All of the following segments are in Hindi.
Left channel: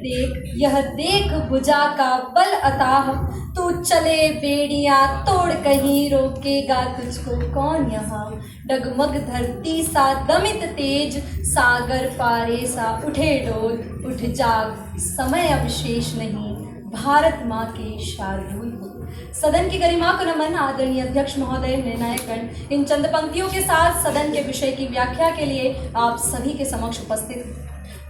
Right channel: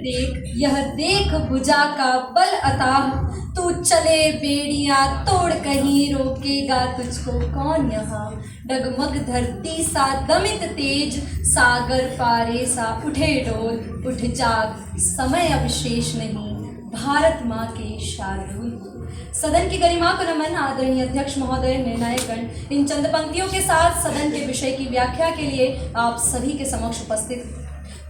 देख, यह देख भुजा का बल अताह, तू चले बेड़ियां तोड़ कहीं रोकेगा तुझको कौन यहाँ। डगमग धरती सा दमित तेज, सागर पारे सा उठे डोल, उठ जाग समय अब शेष नहीं, भारत माँ के शार्दूल हो। सदन की गरिमा को नमन। आदरणीय अध्यक्ष महोदय, निर्णायकगण, इन चंद पंक्तियों के साथ सदन के विषय की व्याख्या के लिए आप सभी के समक्ष उपस्थित।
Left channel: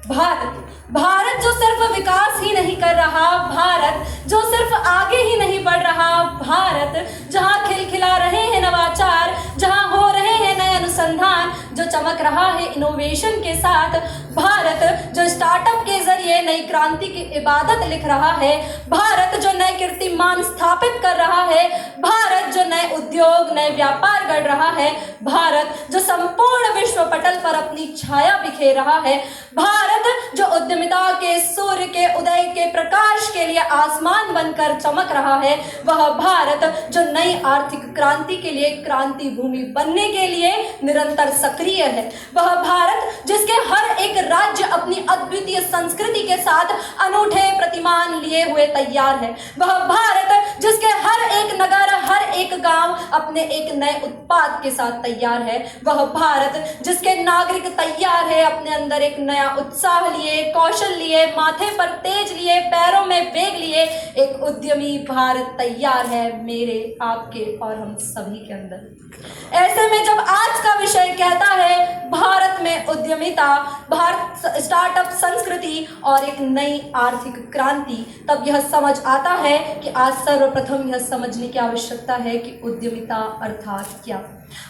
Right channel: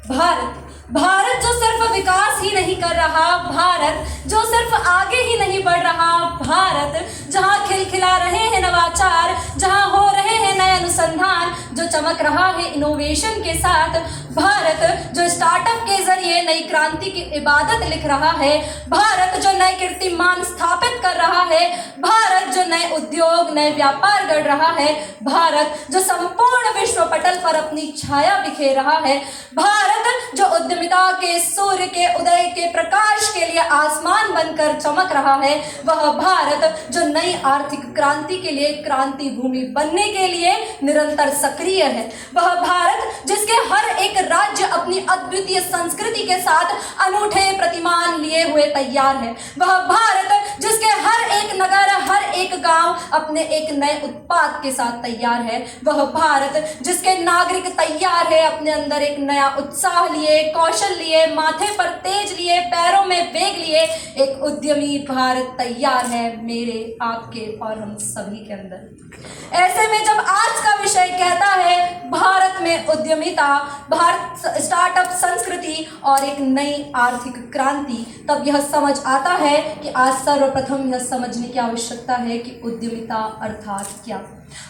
भारत जो सिर्फ विकास ही नहीं कर रहा, भारत जो सिर्फ आगे ही नहीं बढ़ रहा, भारत जहां खिलखिला रहे हैं नवाचार, जहां हो रहे हैं नए अनुसंधान, जो चमक रहा है इनोवेशन के साथ, भारत जो स्टार्टअप के जरिए नई क्रांति की इबादत लिख रहा है, भारत जो नए कीर्तिमान स्थापित कर रहा है, भारत जो नए उद्योग नए व्यापार गढ़ रहा है, भारत जो संपूर्ण विश्व पटल पर अपनी छाया बिखेर रहा है, भारत जो उद्यमिता के सूर्य के उदय के प्रकाश के लिए आसमान बनकर चमक रहा है, वह भारत जो नई आर्थिक क्रांति के लिए क्रांति भूमि बनने के लिए निरंतर सक्रिय है, वह भारत जिसके हर एक राज्य अपनी अद्वितीय संस्कृति के साथ अनूठे प्रतिमान लिए हुए तैयार है, वह भारत जिसके हर एक नगर हर एक गांव अपने एक नए उत्पाद के साथ तैयार है, वह भारत जिसके नागरिक तैयार है अपने अंदर एक नया उत्साह लिए, कौशल लिए, माथे पर तेज लिए, पैरों में वेग लिए, एक उद्यमी भारत तैयार है मेरे, आपके और हम सभी के अंदर। ऐसे में जब आज का विषय कहता है भारत में उद्यमिता, भारत स्टार्टअप संस्कृति और एक नई आर्थिक क्रांति, तब यह समझ आता है कि आज सर्वप्रथम यह समझने की आवश्यकता है कि उद्यमिता अर्थात क्या।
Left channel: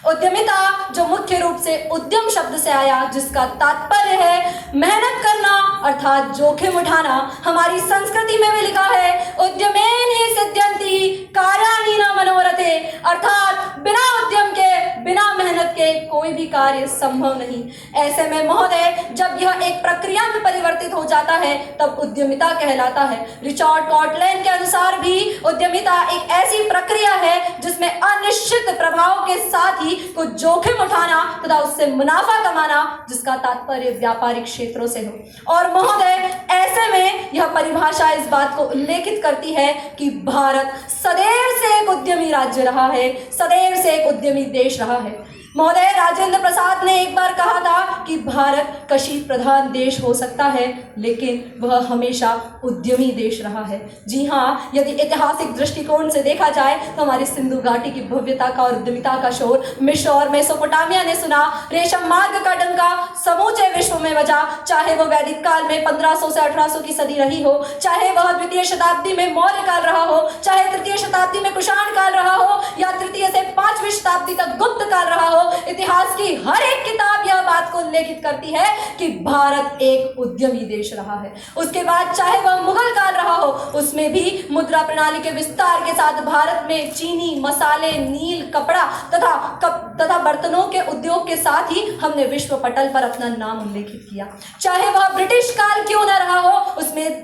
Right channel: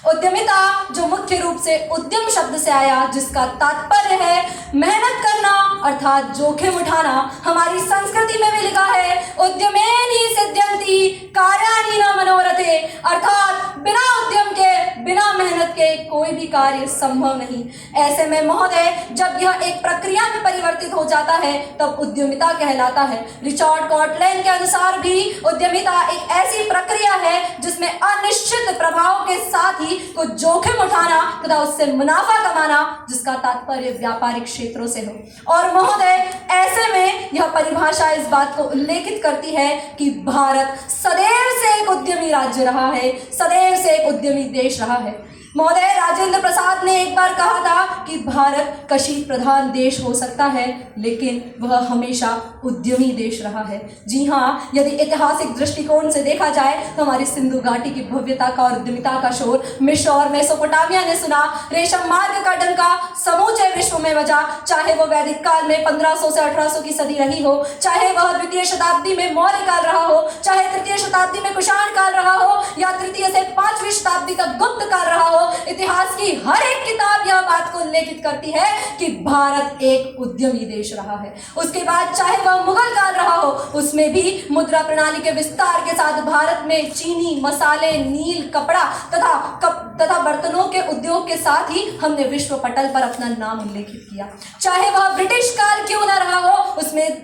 उद्यमिता जो मुख्य रूप से उद्यम शब्द से आया, जिसका तात्पर्य है मेहनत करना अर्थात जोखिम उठाना। हमारी संस्कृति में भी लिखा है उद्यमेन ही सिद्ध्यन्ति कार्याणि न मनोरथे, अर्थात बिना उद्यम के बिना मेहनत के कोई भी कार्य संभव नहीं। ऐसे में महोदय जब यह एक प्रक्रिया में परिवर्तित हो जाता है तब उद्यमिता कहलाता है। रिचर्ड कॉटलैन के अनुसार भी उद्यमिता एक ऐसी प्रक्रिया है जिसमें अनिश्चित प्रभाव के साथ ही कुछ जोखिम उठाना तथा उससे मुनाफा कमाना, जिसका तात्पर्य व्यापारिक क्षेत्रों से हो। और महोदय ऐसे में यह परिभाषा इस बात को उल्लेखित करती है कि भारत सदैव से एक उद्यमी राज्य रहा है, सदैव से एक उद्यमी देश रहा है। महोदय राजेंद्र प्रसाद ने एक बार कहा था कि भारत कृषि प्रधान देश हो सकता है लेकिन वह हमेशा उद्यमी देश रहा है। जी हाँ, यदि ऐतिहासिक दृष्टिकोण से देखा जाए तो हमारी सिंधु घाटी की भव्यता का और उद्यमिता का शोर मिस्र और मेसोपोटामिया ने सुना। रेशम मार्ग का डंका समूचे विश्व में बजा, चाहे वह वैदिक काल में 1500 से 1800 की सदी रही हो, चाहे वह द्वितीय शताब्दी में मौर्य काल रहा हो, चाहे तृतीय शताब्दी में कुषाण काल रहा हो या तृतीय से 5वीं शताब्दी तक गुप्त काल रहा हो। इतिहास की हर एक किताब यह बात को उल्लेखित करती है कि भारत एक उद्यमी देश रहा है। उसके बाद चाहे वह मुगल काल रहा हो, उसमें भी मुद्रा प्रणाली के विस्तार के साथ भारत में चीनी, मसाले, नील, कपड़ा तथा बर्तनों के उद्योग के साथ ही हमने विश्व पटल पर अपना नाम उल्लेखित किया। चाहे वह ब्रिटिश काल क्यों न रहा हो,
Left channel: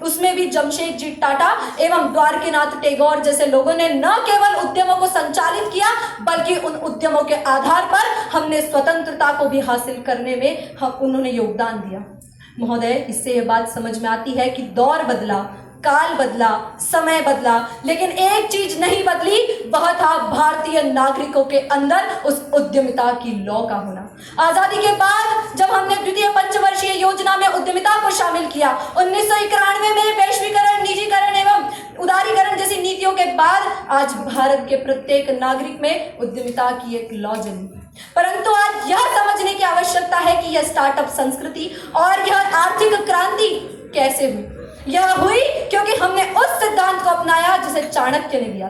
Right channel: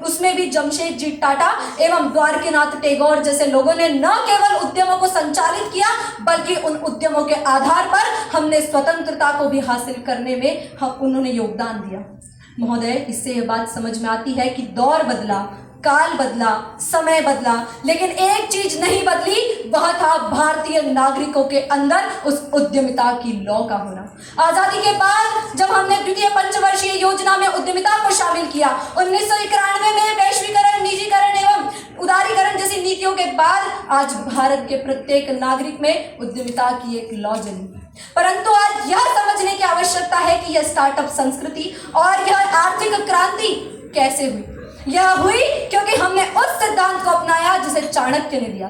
उसमें भी जमशेदजी टाटा एवं द्वारकीनाथ टैगोर जैसे लोगों ने न केवल उद्यमों को संचालित किया बल्कि उन उद्यमों के आधार पर हमने स्वतंत्रता को भी हासिल करने में उन्होंने योगदान दिया। महोदय इससे यह बात समझ में आती है कि दौर बदला, काल बदला, समय बदला, लेकिन एक चीज नहीं बदली, वह था भारतीय नागरिकों के अंदर उस उद्यमिता की लौ का होना। आजादी के बाद जब हमने द्वितीय पंचवर्षीय योजना में उद्यमिता को शामिल किया, 1991 में वैश्वीकरण, निजीकरण एवं उदारीकरण जैसी नीतियों के बाद आज भारत के प्रत्येक नागरिक में उद्यमिता की एक लौ जमी। परंतु आज यह समझने की आवश्यकता है कि यह स्टार्टअप संस्कृति और यह आर्थिक क्रांति कैसे हुई। यह हुई क्योंकि हमने उस सिद्धांत को अपनाया जिसे चाणक्य ने दिया।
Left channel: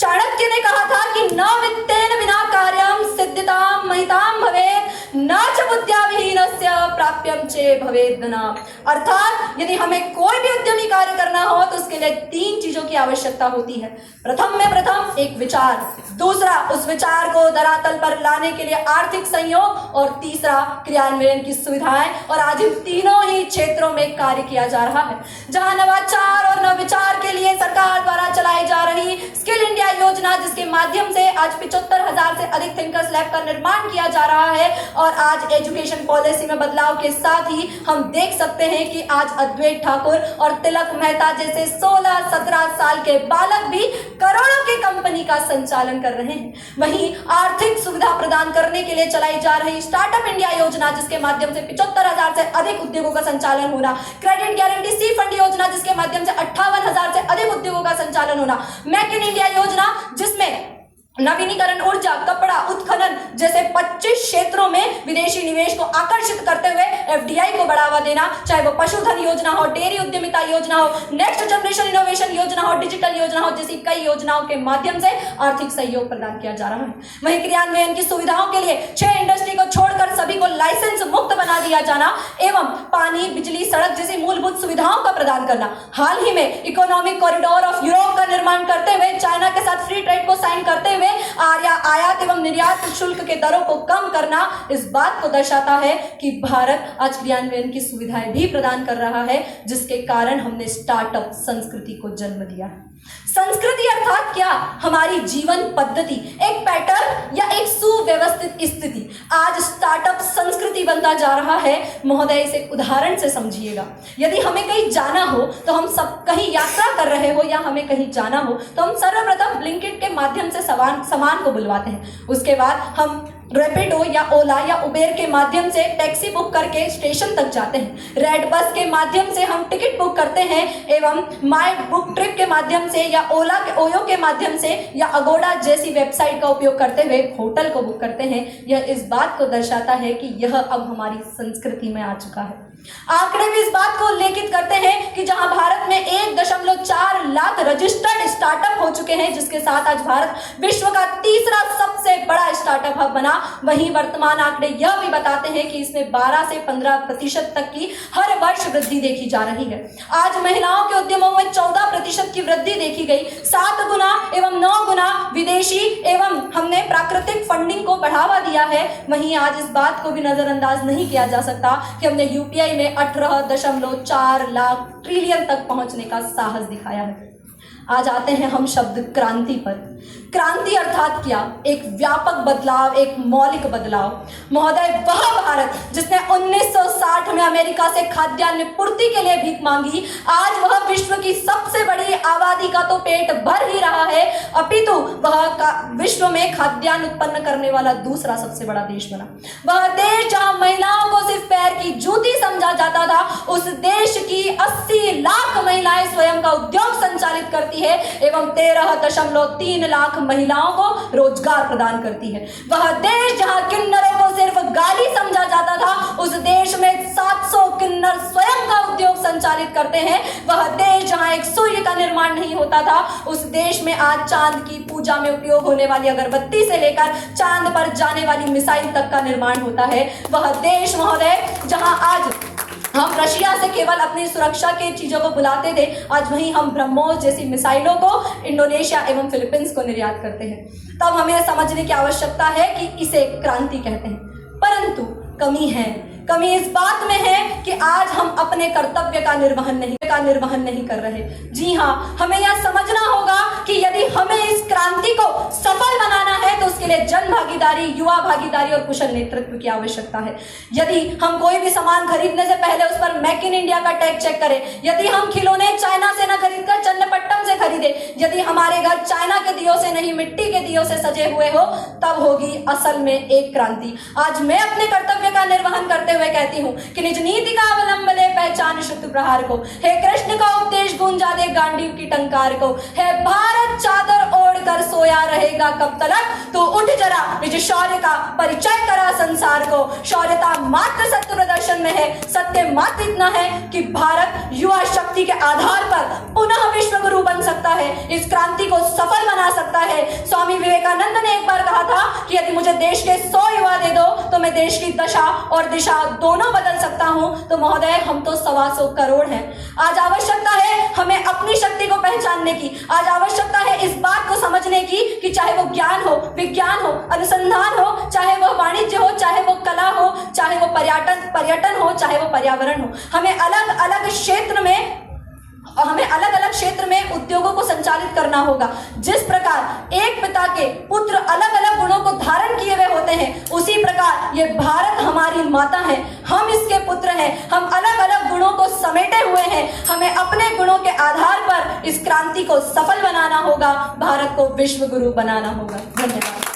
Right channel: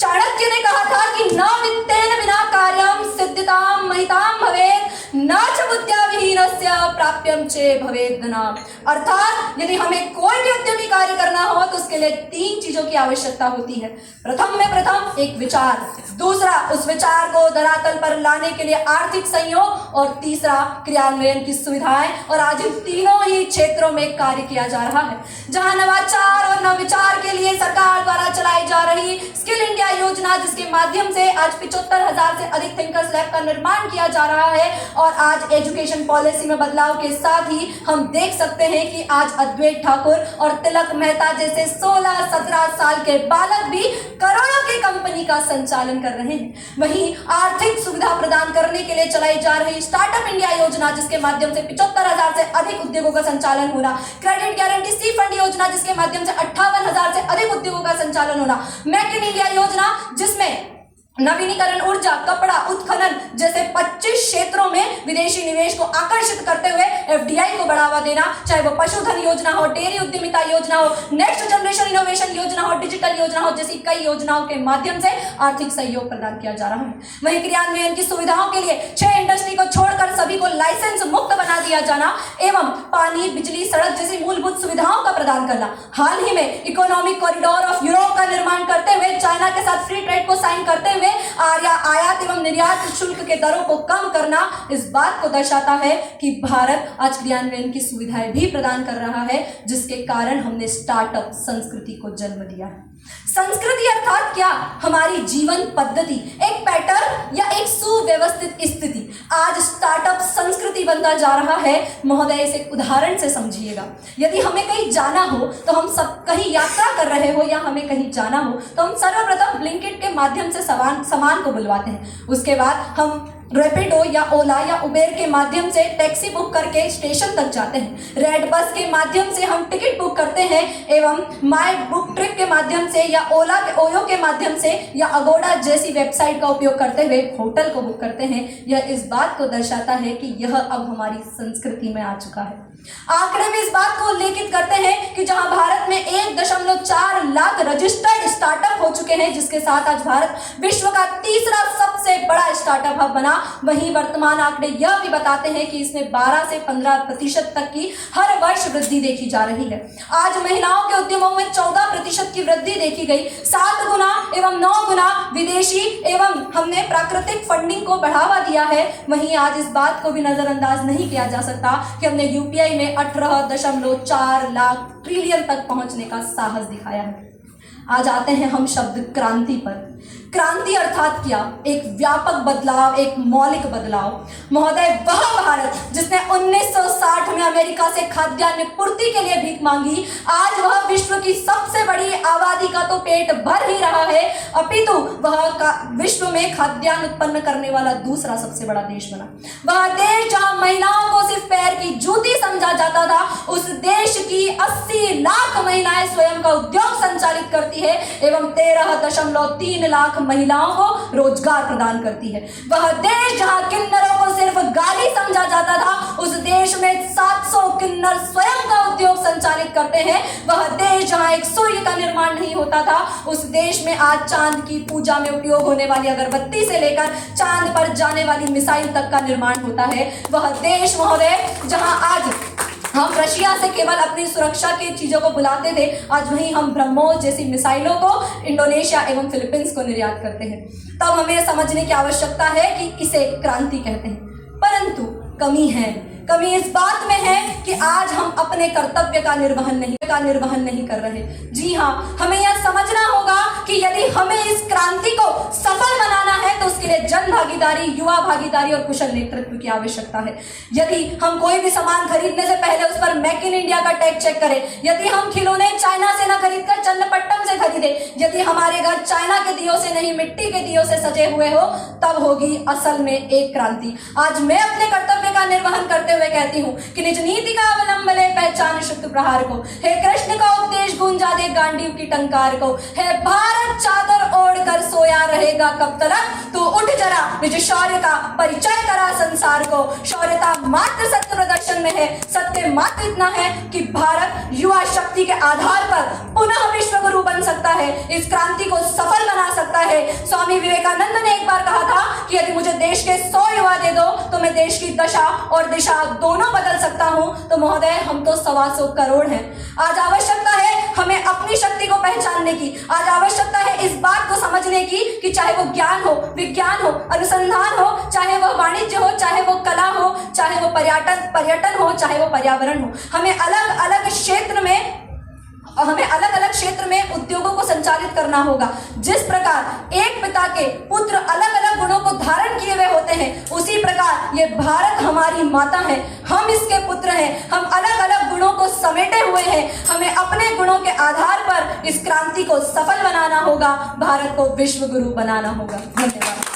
चाणक्य ने कहा था कि न वित्तेन विना कार्यम सिद्धिताम महिताम भवेत्, न च बुद्ध्या विहीनस्य प्राप्यम चे भवेत् धनम्। अर्थात यदि हमें कोई भी उद्यमी कार्य करना हो तो उसके उसके लिए 3 चीजों की आवश्यकता होती है। प्रथम में प्रथम एक विचार, दूसरा उस विचार को धरातल पर लाने के लिए आर्थिक सहयोग और तीसरा क्रियान्वयन की सुविधाएं। और आज इन तीनों ही क्षेत्रों में कार्य किया जा रहा है। जहां नवाचार और नवविचार के लिए सरकार द्वारा चलाई जा रही स्किल इंडिया योजना, जिसके माध्यम से आज 75,000 से अधिक थिंकर्स लैब का निर्माण किया जा रहा है। और आज एजुकेशन पॉलिसी में बदलाव के साथ ही हम देख सकते हैं कि आज अद्वैत ठाकुर और तिलक मेहता जैसे 16-17 साल के बालक भी करोड़ों की कंपनी का संचालन कर रहे हैं। वहीं आर्थिक सुविधा प्रदान करने के लिए चलाई जा रही स्टार्टअप इंडिया योजना, जिसके माध्यम से 75,000 से अधिक उद्योगों का संचालन होना, क्रेडिट गारंटी सी फंड योजना, जिसके माध्यम से 58,000 से अधिक उद्योगों का संचालन होना, मेक इन इंडिया योजना, जिसमें नवीनीकरण ऊर्जा, कपड़ा, उत्खनन जैसे 25 क्षेत्रों में विदेशी निवेश को आकर्षित करते हुए एफडीआई को बढ़ावा देना, चाहे वो पशुधन योजना हो, डेयरी उद्यमिता योजना हो, नेक्स्ट जनरेशन इनोवेशन योजना हो, डिजिटल योजना हो, जैसी कई योजनाओं के माध्यम से आर्थिक सहयोग प्रदान किया जा रहा है। वहीं क्रियान्वयन की सुविधाओं के लिए 6 इंडस्ट्री को छोड़कर सभी को लाइसेंस मुक्त बना दिया जाना एवं पानी, बिजली, सड़क जैसी मूलभूत सुविधाओं का प्रदान करना। हाल ही में इकोनॉमिक कॉरिडोर ऑफ यूरोप का निर्माण करते हुए चाइना के साथ फ्री ट्रेड को साइन करते हुए आयात एवं निर्यात शुल्क के दरों को कम करना इस बात को दर्शाता है कि भारत आज क्रियान्वयन की सुविधाएं भी प्रदान कर रहा है, जिसके कारण हमने स्टार्टअप संस्कृति को जन्म दिया है। संस्कृति अर्थात क्या? हमारी जीवन पद्धति, एक पैटर्न या एक सुव्यवस्थित स्थिति। आज स्टार्टअप संस्कृति बनता जा रहा है। महोदय, इसे उदाहरण से समझिएगा। यदि हमें कहीं जाना हो तो हम सब कहीं यात्रा कर रहे हो या हमें कहीं जाना हो तो हम सर्वप्रथम ब्लिंकिट के माध्यम से सामान को बुलवाते हैं। उसके बाद हम रैपिडो या ओला या उबेर के माध्यम से टैक्सी बुक करके स्टेशन तक जाते हैं। रेड बस के माध्यम से हम टिकट बुक करते हैं एवं माई बुक ट्रिप के माध्यम से या ओयो के माध्यम से या अगोडा जैसी वेबसाइट का उपयोग करते हुए होटल को बुक करते हैं। यह इस बात को दर्शाता है कि यह अब हमारी संस्कृति में आ चुका है। आंकड़े भी इस बात को उल्लेखित करते हैं कि जहां भारत में 1.4 लाख रजिस्टर्ड स्टार्टअप हो चुके हैं, जिसके साथ आज भारत विश्व का तीसरा सबसे बड़ा स्टार्टअप हब बना, वहीं वर्तमान आंकड़े यह भी बताते हैं कि इसमें 12 से 15% तक की हर वर्ष वृद्धि देखी जा रही है। आज महिलाओं के उद्यमों में 14% की वृद्धि देखी गई। 7 गुना एवं 9 गुना विदेशी एवं हमने प्राकृतिक फंडिंग को बढ़ावा दिया है। वहीं आज इस बात को भी नजरअंदाज नहीं किया जा सकता कि हमने यूपीआई में 18.4 लाख ट्रिलियन तक पहुंचने का साहस दिखाया है। आज आते हैं हम शब्द क्रांति पर। क्रांति अर्थात क्या? एक व्यापक बदलाव, एक मौलिक बदलाव। महोदय, वह भारत जिसने 1960 में अमेरिका से खाद्यान्न पूर्ति के लिए भीख मांगी, आज वह विश्व की सबसे बड़ी आबादी का तो पेट भर ही रहा है, अपितु वह विश्व में खाद्यान्न उत्पन्न करने वाला दूसरा सबसे बड़ा देश बना। वह देश जहां महिलाओं को सिर्फ पैर की जूती समझा जाता था, उस देश की 80 लाख महिलाएं स्वयं का उद्योग संचालित करती है एवं 13.3 लाख महिलाओं को रोजगार प्रदान करती है। वह देश जहां किन्नरों को सिर्फ गाली समझा जाता था, उस देश में 700 किन्नर स्वयं का उद्योग संचालित करते हैं। वह देश जहां एक सूर्य का निर्माण नहीं होता था, उस देश में आज चांद की पूजा में उपयोग होने वाली अगरबत्ती से लेकर चांद पर जाने वाली मिसाइल तक का निर्माण होता है। वह देश महोदय जहां आज हम रशिया से केवल अपनी सुरक्षा के चीजों को बुलाते थे, आज वहीं हम ब्रह्मोस जैसी मिसाइलों को इंडोनेशिया एवं फिलीपींस को निर्यात करते हैं। तब हमें समझने की आवश्यकता है कि इसे क्रांति कहते हैं। परंतु कमी है। कमी इस बात में है कि आज हम अपने कर्तव्य का निर्वहन नहीं कर रहे। जी हाँ, हमें यह समझना होगा कि यदि हमें इस क्रांति को सफल बनाना है तो उसके लिए जन भागीदारी, युवा भागीदारी और कुशल नेतृत्व की आवश्यकता है। यदि हम कोई भी सामान खरीदने से पहले उस पर मेक इन इंडिया का टैग चेक करें, यदि हम खिलौने चाइना से न खरीदकर चन्नपट्टनम से खरीदे, यदि हमारे घर चाइना के दियों से नहीं मिट्टी के दियों से सजे हुए हो, तब होगी असल में एक क्रांति। आज मैं अपने कर्तव्य का निर्वहन करते हुए कहती हूँ कि निज नीति का अवलंबन पहचान शुद्ध प्रहार को, हे कृष्ण का उपदेश गूंजा दे गांडीव की टंकार को, हे भारत चादर ओढ़ कर सोया रहेगा कब तलक, तो उठ जरा निज शौर्य का परिचय करा संसार को। शौर्यता मात्र सत्य प्रदर्शन में है, सत्य मात्र इतना है कि भारत युवा शक्ति के आधार पर पुनः विश्व गुरु बन सकता है, इस क्रांति को सफल बना सकता है। स्वामी विवेकानंद ने एक बार कहा था कि यदि मुझे देश के 100 युवा दे दो तो मैं देश की दशा और दिशा दोनों बदल सकता हूं। तो महोदय, हम तो 125 करोड़ हैं। आज आवश्यकता है हमें अपनी शक्ति को पहचानने की। आज आवश्यकता है इस बात को समझने की कि चाहे वो ज्ञान हो, विज्ञान हो, अनुसंधान हो, चाहे वो वाणिज्य हो, चाहे वो कला हो, चाहे वो पर्यटन हो, चाहे वो पर्यावरण हो, हमें अलग अलग क्षेत्र में उद्योगों को संचालित करना होगा। जिस प्रकार एक पिता के पुत्र अलग अलग गुणों को धारण किए हुए होते हैं, उसी प्रकार ये भारत हमारी माता है, हम इसके पुत्र हैं, हम अलग अलग गुणों को समेटे हुए हैं। हमें अपने गुणों के आधार पर इस क्रांति को सफल बनाना होगा, भारत को विश्व गुरु बनाना होगा। धन्यवाद।